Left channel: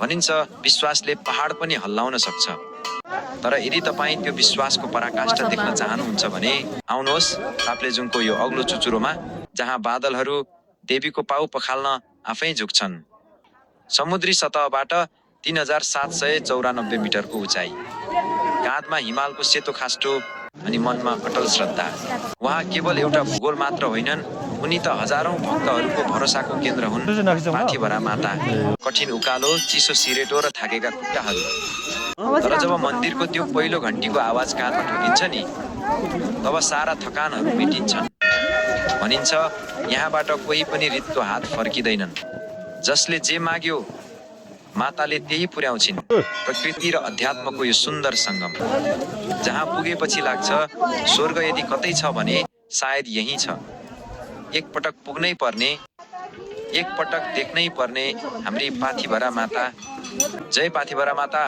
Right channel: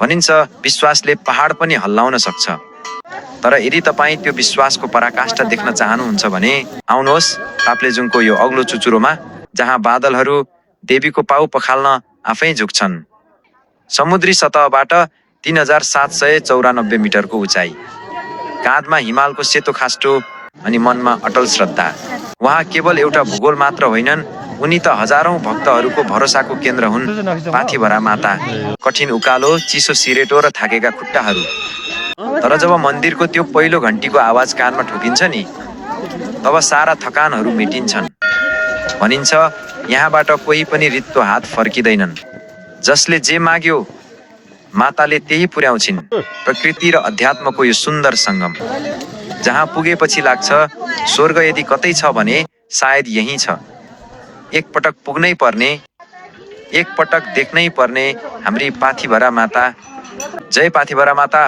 भनिन्छ विश्वासले पहाड पनि हल्लाउन सक्छ। तर यदि तपाईँ त्यो विश्वासको पराकाष्ठा देख्न चाहनुहुन्छ भने आउनुहोस् ताप्लेजुङको यो अग्लो चुचुरोमा, जहाँ बादलहरू देवीको पाउ पखाल्न आफै झुक्छन्। समुद्री सतहबाट 3794 मिटरको उचाइ, काँधमा हिमालको सेतो खास्टो अनि मनमा अटल श्रद्धा। उहाँ केवल एउटा भूगोल मात्र होइनन्, उनी त हजारौं भक्तहरूको भरोसाको केन्द्र हुन्। पाथिभरा माता, कठिन उकालो, चिसो सिरेटो र थाकेका खुट्टाहरू। तर जब मन्दिरको त्यो पहिलो घन्टीको आवाज कानमा ठोकिन्छ नि, तब सारा थकानहरू मेटिन्छन्। भनिन्छ यहाँबाट कोही पनि रित्तो हात फर्किँदैनन्। जसले जे माग्यो माताले त्यही पुर्याउँछिन्। प्रकृति र अध्यात्मको यो सुन्दर सङ्गम, जहाँ पुगेपछि लाग्छ स्वर्ग यदि कतै छ भने सायद यही छ। एक पटक पुग्नै पर्ने, एक पटक देख्नै पर्ने हाम्री पाथिभरा माता। जय पाथिभरा माता।